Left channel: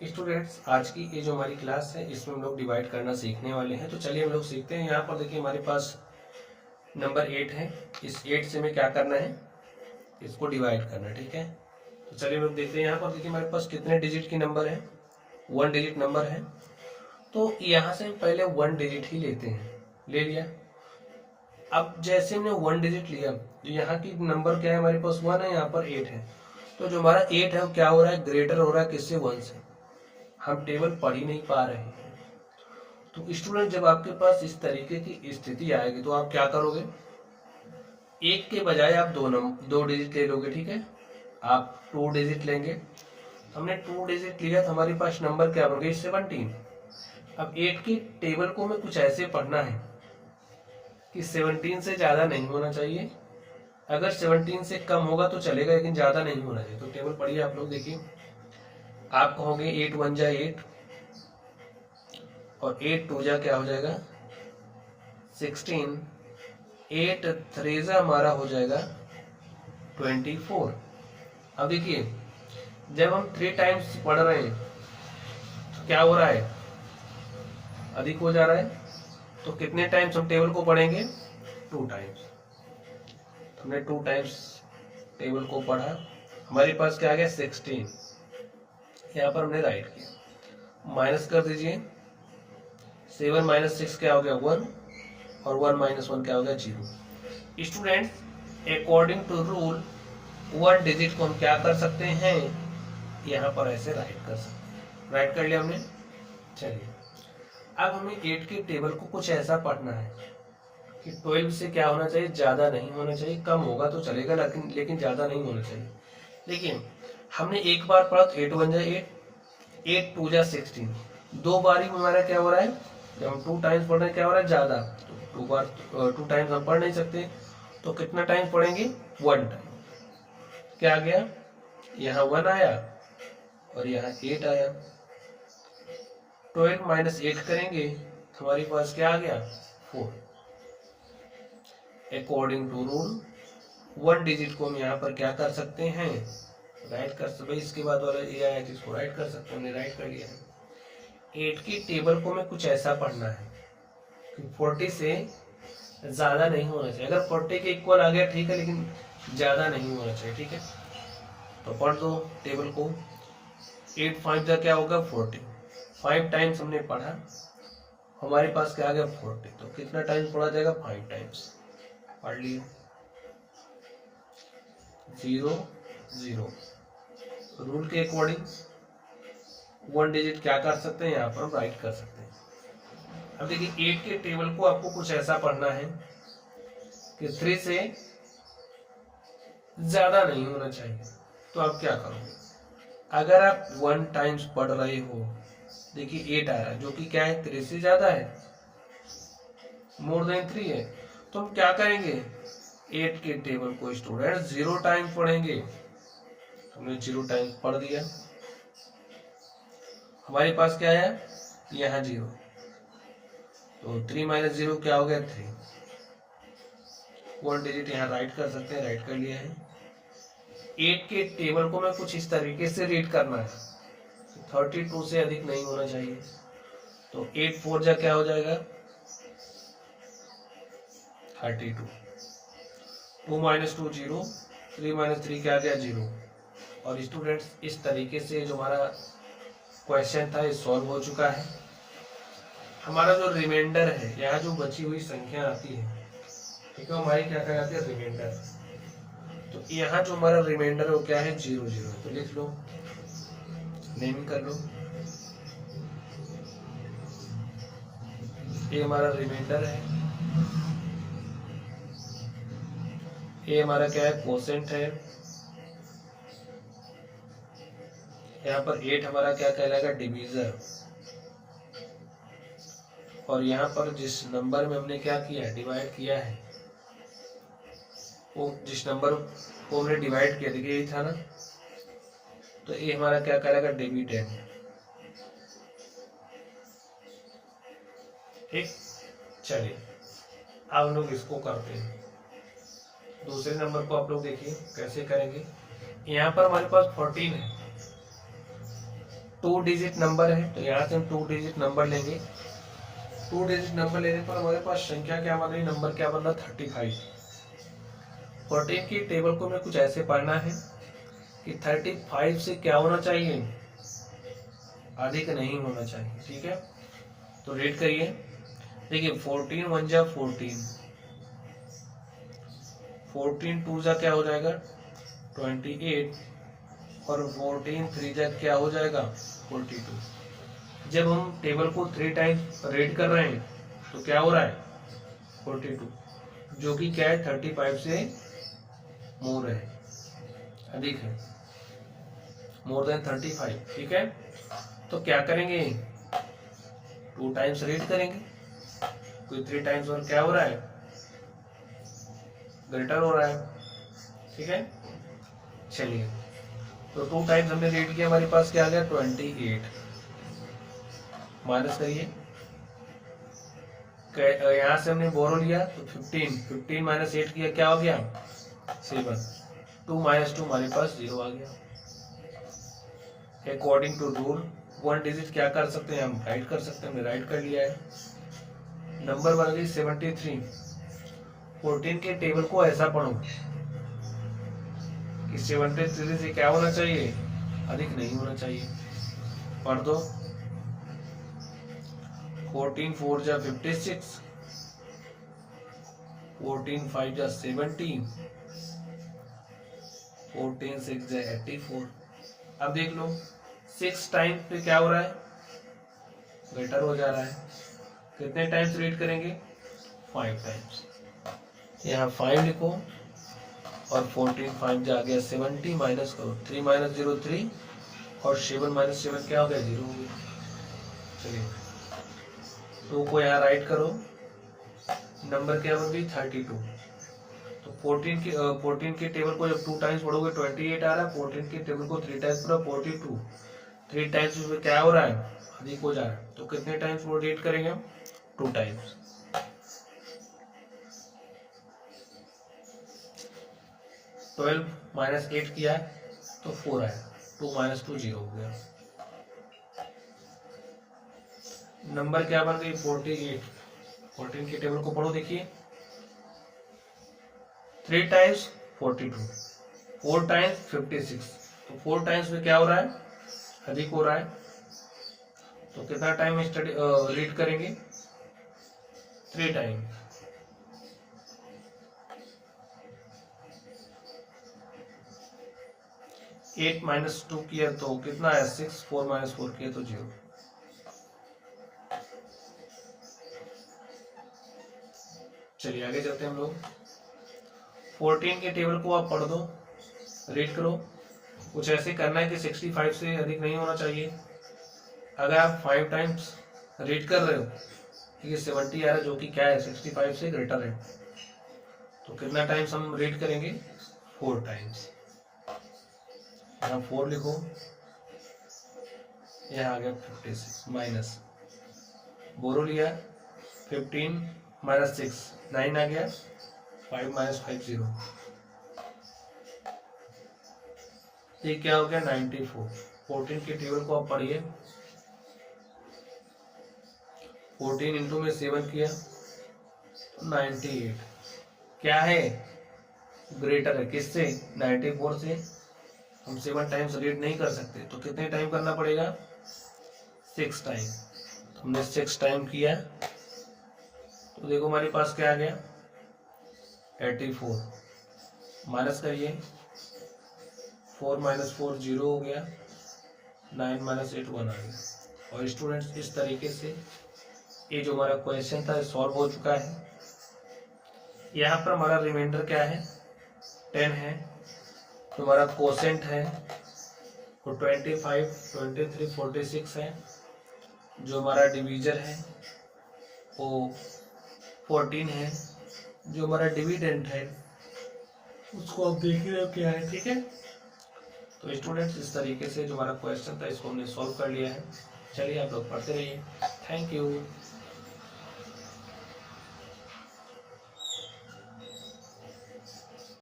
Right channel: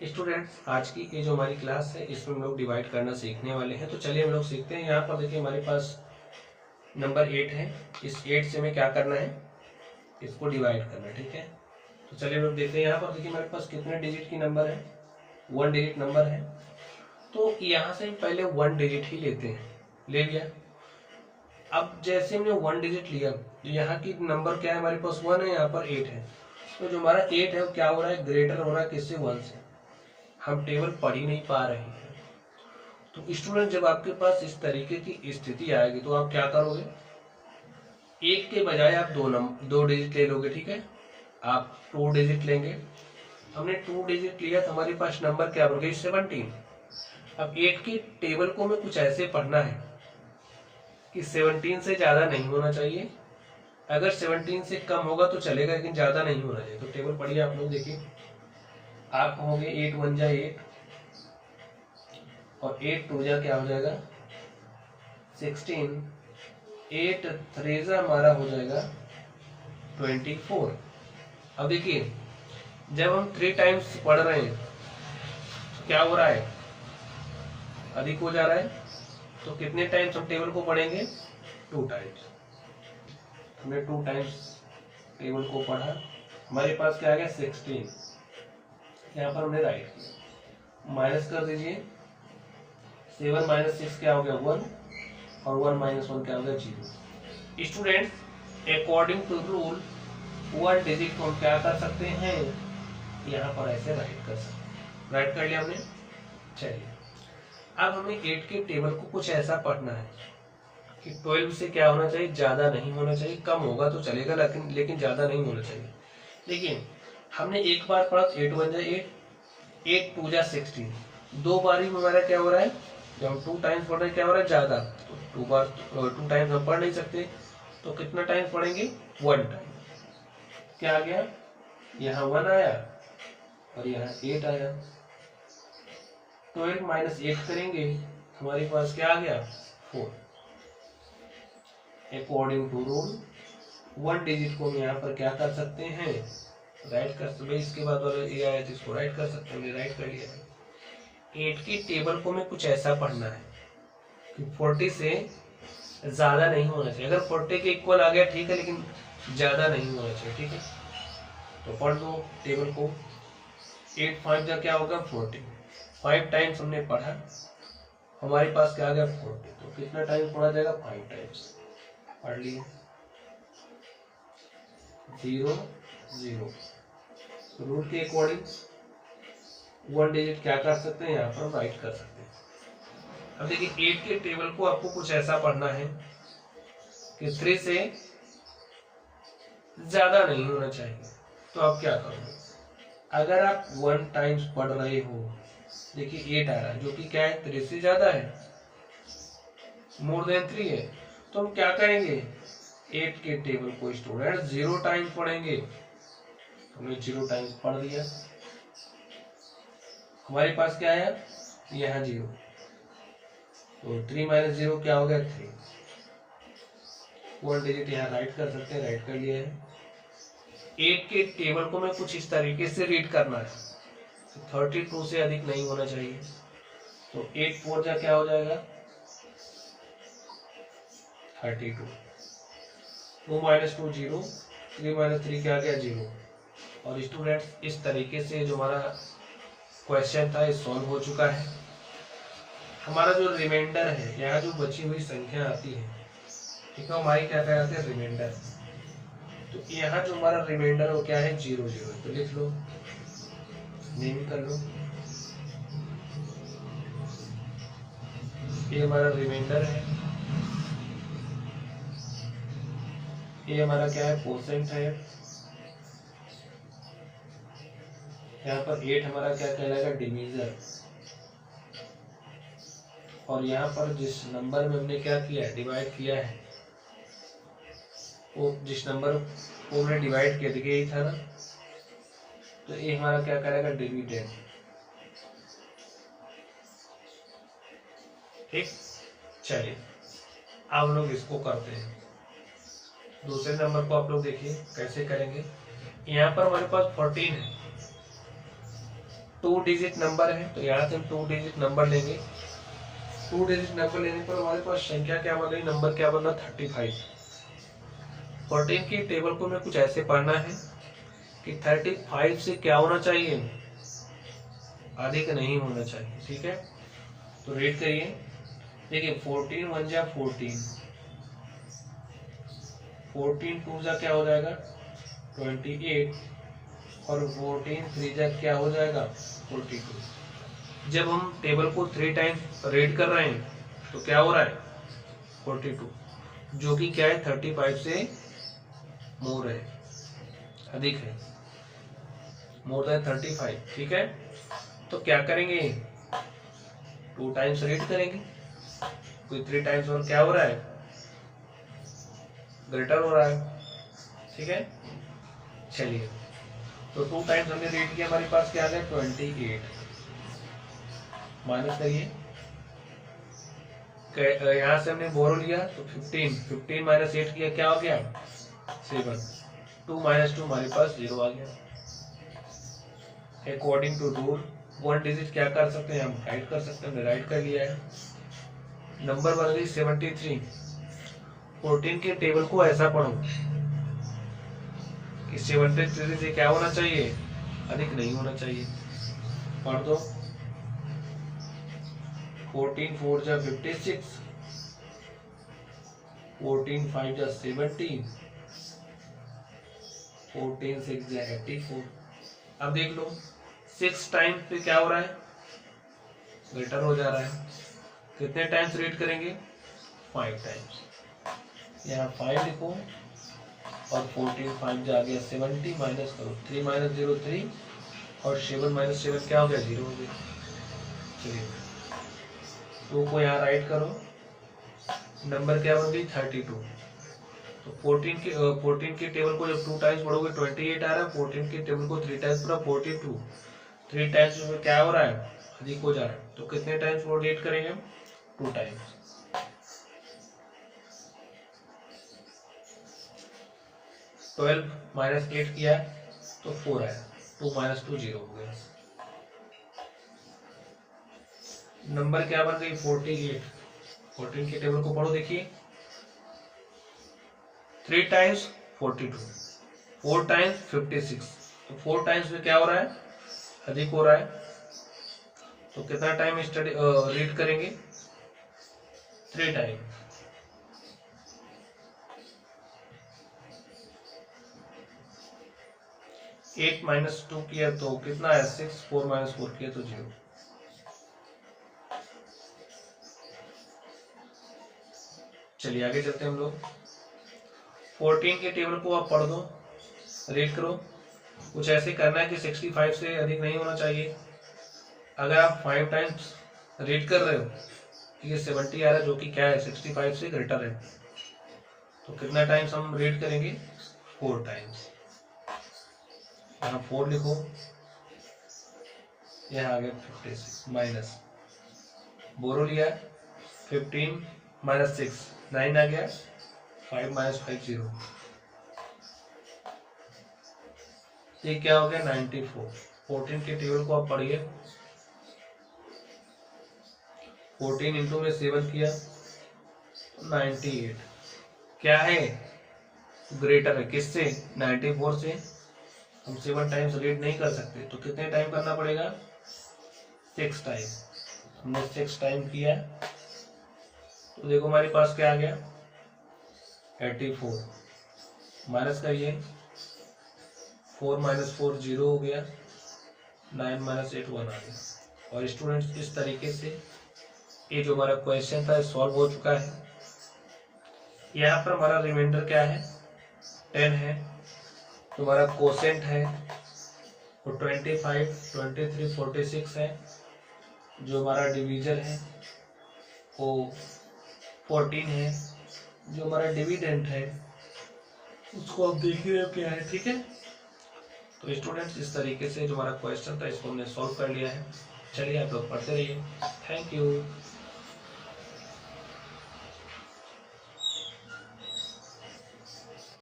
Students, आज की ये जो हमारी क्लास है इसमें हम लोग डिवाइड करना सीखने वाले हैं। तो चलिए हम लोग सीखते हैं। यहाँ पर देखिए हमारे पास नंबर 8 है। इस 8 से हमें क्या करना है, इसको डिवाइड करना, ठीक है। तो चलिए हम लोग देखते हैं। यहाँ पर देखिए हमारे पास कितने डिजिट की नंबर है, 1 डिजिट नंबर है। तो यहाँ से हम पहले 1 डिजिट ही लेते हैं, ले लिया। अब जैसे हमने 1 डिजिट लिया, तो यहाँ की नंबर क्या है, हमारे पास 1 है, यहाँ पर 8 है। तो जो हमारा 8 है वो क्या हो रहा है, ग्रेटर हो रहा है किससे, 1 से। हम टेबल पढ़ ही नहीं पा रहे हैं। तो स्टूडेंट, जब आपके पास इस तरीके की स्थिति आएगी तो आप क्या करोगे, एक के बजाय आप दो डिजिट ले लोगे, ठीक है। आप 2 डिजिट लेंगे। हमने 2 डिजिट लिया तो हमारे पास नंबर क्या बन गई, 17। अब 8 की टेबल को हमें कुछ ऐसे पढ़ना है कि 17 से ज़्यादा नहीं होना चाहिए। अगर 17 से कम होगा तो चलेगा, लेकिन ज़्यादा नहीं होना चाहिए। तो टेबल पढ़िए आप लोग, देखिए। आप कहोगे 8 1 जा 8 और 8 2 जा क्या हो जाएगा, 16। 8 3 जा हमारा हो जाएगा 24। अब देखिए, जब हम 3 टाइम्स पढ़ रहे हैं तो क्या हो रहा है, अधिक हो जा रहा है। तो कितने टाइम्स हम टेबल को पढ़ेंगे, 2 टाइम्स। हमने 2 टाइम्स टेबल को पढ़ा, हमारे पास क्या आ गया, 16। यहाँ पर हमने राइट किया, माइनस कर दीजिए। 7 माइनस 6 क्या हो गया, 1, और 1 माइनस 1 क्या हो गया, 0। Students, according to rule 1 digit को हम क्या कर सकते हैं, यहाँ पर ऐसे राइट कर सकते हैं। राइट कर लिया हमने। चलिए, अब हमें 8 की टेबल को कुछ ऐसा पढ़ना है कि 12 से क्या होना चाहिए, ज़्यादा नहीं होना चाहिए। कम होगा तो चलेगा, लेकिन ज़्यादा नहीं होना चाहिए। लेकिन हमने एक बार पढ़ा तो 8 1 जा 8, 8 2 जा 16। 2 बारी में हमारा क्या हो रहा है, जब हम 2 टाइम्स पढ़ रहे हैं क्या हो रहा है, ज़्यादा। तो 2 टाइम्स हम पढ़ नहीं सकते, तो कितना टाइम्स पढ़ेंगे, 1 टाइम। क्या आ गया, यहाँ 1 आया और यहाँ 8 आया। 12 माइनस 8 करेंगे तो हमारे पास क्या आ गया, 4। अकॉर्डिंग टू रूल 1 डिजिट को हम यहाँ पर क्या कर सकते हैं, राइट कर सकते। इसके बाद वाला ये आया तो इसको राइट कर सकते हैं, राइट कर लिया। 8 की टेबल को हमें कुछ ऐसा पढ़ना है कि 40 से ज़्यादा नहीं होना चाहिए। अगर 40 के इक्वल आ गया ठीक है, लेकिन ज़्यादा नहीं होना चाहिए, ठीक है। तो पढ़ दो टेबल को। 8 5 का क्या होगा, 40। 5 टाइम्स हमने पढ़ा, हमारे पास क्या आ गया, 40। तो कितना टाइम पढ़ा जाएगा, 5 टाइम्स। पढ़ लिए, 0 0। रूल के अकॉर्डिंग 1 डिजिट क्या कर सकते हैं, यहाँ पर राइट कर सकते हैं। अब देखिए, 8 के टेबल को आपको कुछ ऐसा पढ़ना है कि 3 से ज्यादा नहीं होना चाहिए। तो आप क्या करोगे, अगर आप 1 टाइम्स पढ़ रहे हो, देखिए 8 आ रहा है जो कि क्या है, 3 से ज्यादा है, मोर देन 3 है। तो हम क्या करेंगे, 8 के टेबल को स्टूडेंट 0 टाइम्स पढ़ेंगे। हमने 0 टाइम्स पढ़ दिया, हमारे पास क्या आया, यहाँ 0। तो 3 माइनस 0 क्या हो गया, 3। 1 डिजिट यहाँ राइट कर सकते हैं, राइट कर लिया है। 8 के टेबल को मैं कुछ इस तरीके से रीड करना है, 32 से अधिक नहीं होना चाहिए। तो 8 4 जा क्या हो जाएगा, 32। 2 माइनस 2 0, 3 माइनस 3 क्या आ गया, 0। और स्टूडेंट्स, इस तरीके से जो हमारा क्वेश्चन था ये सॉल्व हो चुका है। हमारा जो रिमाइंडर है, यहाँ जो बची हुई संख्या आती है, ठीक है, हमारी क्या कहलाती है, रिमाइंडर। तो यहाँ जो हमारा रिमाइंडर है वो क्या है, 0 0। तो लिख लो, नेम कर लो, ये हमारा रिमाइंडर है, ये हमारा क्या है, कोसेंट है। यहाँ पर 8 हमारा क्या कहलाएगा, डिवीजर। और यहाँ पर जिस नंबर में हमने क्या किया, डिवाइड किया है, वो जिस नंबर को हमने डिवाइड किया, देखिए यही था ना, तो ये हमारा क्या कहलाएगा, डिविडेंड। ठीक, चलिए अब हम लोग इसको करते हैं। दूसरे नंबर को आप लोग देखिए कैसे करेंगे। यहाँ पर हमारे पास 14 है, 2 डिजिट नंबर है, तो यहाँ से हम 2 डिजिट नंबर लेंगे। 2 डिजिट नंबर लेने पर हमारे पास संख्या क्या बन रही, नंबर क्या बन रहा, 35। 14 की टेबल को हमें कुछ ऐसे पढ़ना है कि 35 से क्या होना चाहिए, अधिक नहीं होना चाहिए। ठीक है, तो रीड करिए। देखिए 14 1 जा 14, 14 2 जा क्या हो जाएगा 28, और 14 3 जा क्या हो जाएगा 42। जब हम टेबल को 3 टाइम्स रीड कर रहे हैं तो क्या हो रहा है 42, जो कि क्या है 35 से मोर है, अधिक है, मोर देन 35। ठीक है, तो क्या करेंगे 2 टाइम्स रीड करेंगे, कोई 3 टाइम्स और क्या हो रहा है ग्रेटर हो रहा है। ठीक है, चलिए तो 2 टाइम्स हमने रीड किया, हमारे पास क्या आ गया 28। माइनस करिए, यहाँ से हमने बोरो लिया तो 15 माइनस 8 किया क्या हो गया 7। 2 माइनस 2 हमारे पास 0 आ गया। अकॉर्डिंग टू रूल 1 डिजिट क्या कर सकते हैं, हम राइट कर सकते हैं, हमने राइट कर लिया है। नंबर बन गई 73। 14 के टेबल को ऐसा पढ़ो कि 73 से क्या होना चाहिए, अधिक नहीं होना चाहिए। पढ़ दो, 14 4 जा 56, 14 5 जा 70, 14 6 जा 84। अब देख लो 6 टाइम पे क्या हो रहा है, ग्रेटर हो जा रहा है। कितने टाइम्स रीड करेंगे 5 टाइम्स, यहाँ 5 लिखो, और 14 5 जा गया 70, माइनस करो 3 माइनस 0 3, और 7 माइनस 7 क्या हो गया 0 हो गया। चलिए 2 को यहाँ राइट करो, नंबर क्या बन गई 32। तो 14 के टेबल को जब 2 टाइम्स पढ़ोगे 28 आ रहा है, 14 के टेबल को 3 टाइम्स पढ़ा 42, 3 टाइम्स में क्या हो रहा है अधिक हो जा रहा है। तो कितने टाइम्स वो रीड करेंगे हम 2 टाइम्स। 12 माइनस 8 किया है तो 4 आया, 2 माइनस 2 0 हो गया। नंबर क्या बन गई 48। 14 के टेबल को पढ़ो, देखिए 3 टाइम्स 42, 4 टाइम्स 56, तो 4 टाइम्स में क्या हो रहा है अधिक हो रहा है। तो कितना टाइम स्टडी रीड करेंगे 3 टाइम। एट माइनस 2 किया तो कितना है 6, 4 माइनस 4 किया तो 0। चलिए आगे चलते हैं हम लोग। 14 के टेबल को आप पढ़ दो, रीड करो। कुछ ऐसे करना है कि 65 से अधिक नहीं होना चाहिए। अगर आप 5 टाइम्स रीड कर रहे हो ये 70 आ रहा है, जो कि क्या है 65 से ग्रेटर है। तो कितना टाइम्स हम रीड करेंगे 4 टाइम्स। यहाँ 4 लिखो, यहाँ आ गया 56, माइनस बोरो लिया 15 माइनस 6 9 आ गया, 5 माइनस 5 0। ये क्या हो गया 94। 14 के टेबल को आप पढ़िए, 14 इंटू में 7 किया तो 98 क्या है ग्रेटर है किससे 94 से। हम 7 टाइम्स रीड नहीं कर सकते, तो कितने टाइम करना पड़ेगा 6 टाइम। हमने 6 टाइम किया तो देखो हमारे पास क्या आ गया 84। माइनस करिए, 4 माइनस 4 0 हो गया, 9 माइनस 8 1 आ गया। और स्टूडेंट्स इस तरीके से ये जो हमारा क्वेश्चन था सॉल्व हो चुका है। यहाँ पर हमारा रिमाइंडर क्या है 10 है, तो हमारा कोसेंट है वो 25 23 46 है। जो हमारा डिवीजर है वो 14 है। जो हमारा डिविडेंड है उसको आप देख रहे हो क्या है। ठीक है, तो स्टूडेंट्स इस तरीके से जो हमारा क्वेश्चन था इसको हमने सॉल्व कर लिया है। चलिए आप लोग पढ़ते रहिए। Thank you.